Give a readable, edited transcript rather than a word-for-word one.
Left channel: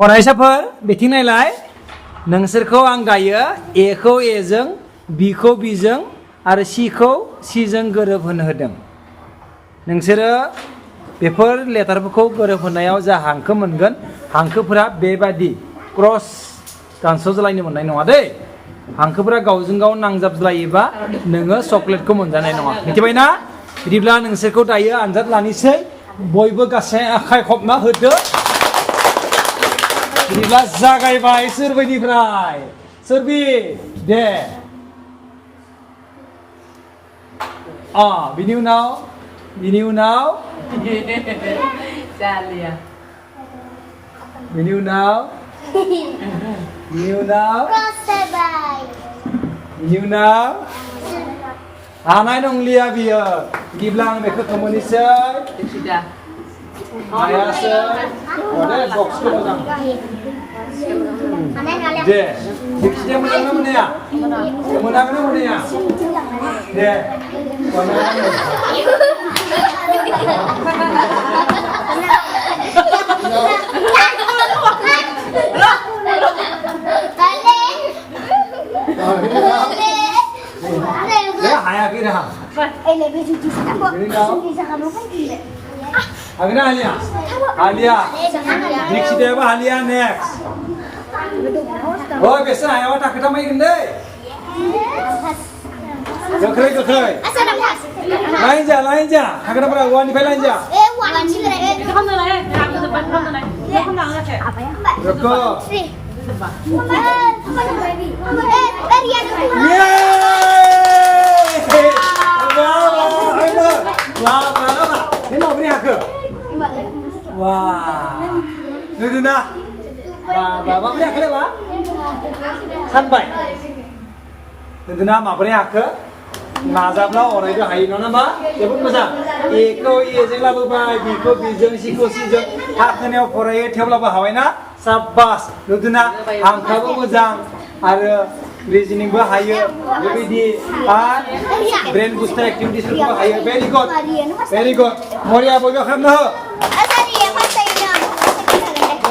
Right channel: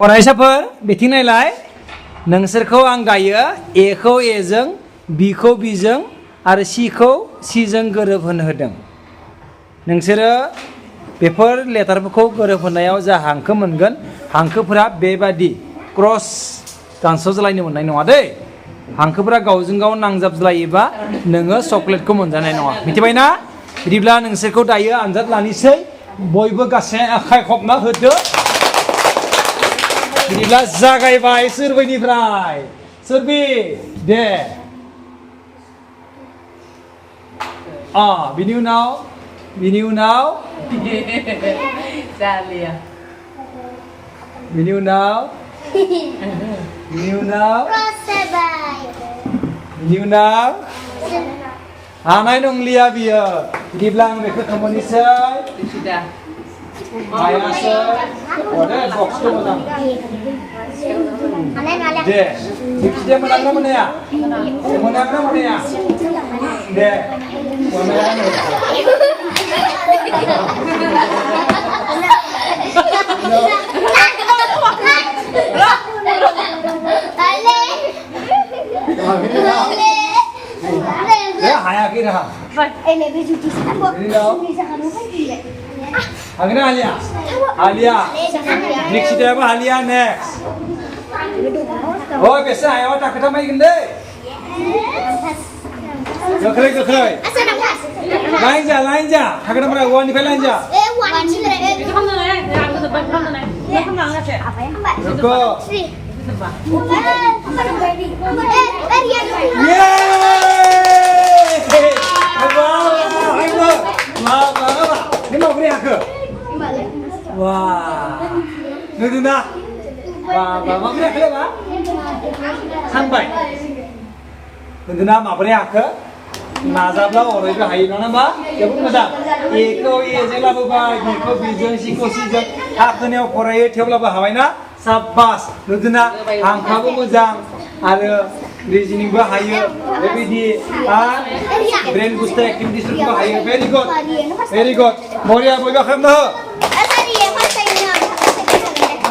फरायसाफोर बिथिं नायलाय नोंसोरखौ आं गायो एखौ एजों बिखौ बिजों आरो सिखौ सिजों गोरोबहोनो होदों। नोंसोरो बेफोर लेटारफोरखौ गोरोबहोनायाव जा हांखो मोनगोन हांखोफोरा बेबादि क्रस दानस'ज्लायनो मोननाय नङा दै। हांखोफोरा गावजों गाव नांजाबज्लायोबा नोङो चकलेटखौ मोनजानाय नङा। मिथिबाय ना? बिदिब्ला नोंसोरखौ दायो आनजाद लानोसै। बयबो गासै आखाइ खबना होदो। बिदिब्ला जागायबाय सोरबैनिफ्राय सोरबि दे बिनि उनाव Zalia. बिनि उनाव हानाय नंलिया बियो। बिदिब्ला आं बेखौ थमोनोसै Sudah. हायासै दे बक्सखौ मोजां दे बक्सया मोनागोना मोनाया दे हायाखै dah. Agna Alia. Alia. Next dia apa Alia next. Oh biasa ayam tak ketemu gende. Jokrei. Lain ja. Agna berapa wan ni lain ja. Wan ni berapa? Kamu mana? Aku sebab kamu mana? Kamu mana sih? Apa yang apa? Joko. Ini mau beri aku? Wah, Nandita. Wah, mau beri aku apa? Sampai. Nandita mau beri aku? Nazablah orang itu hayu nama. Ya pun macam. Eko iya lah bapak, biko bijeng, siko sijeng. Haknya foraid tiap lah bahawai na. Sabas. Nandita angka bu mujang. Ada reasoning bu hayu. Jadi di brain booster activities bu hayu. Very good. Moria boleh kamu?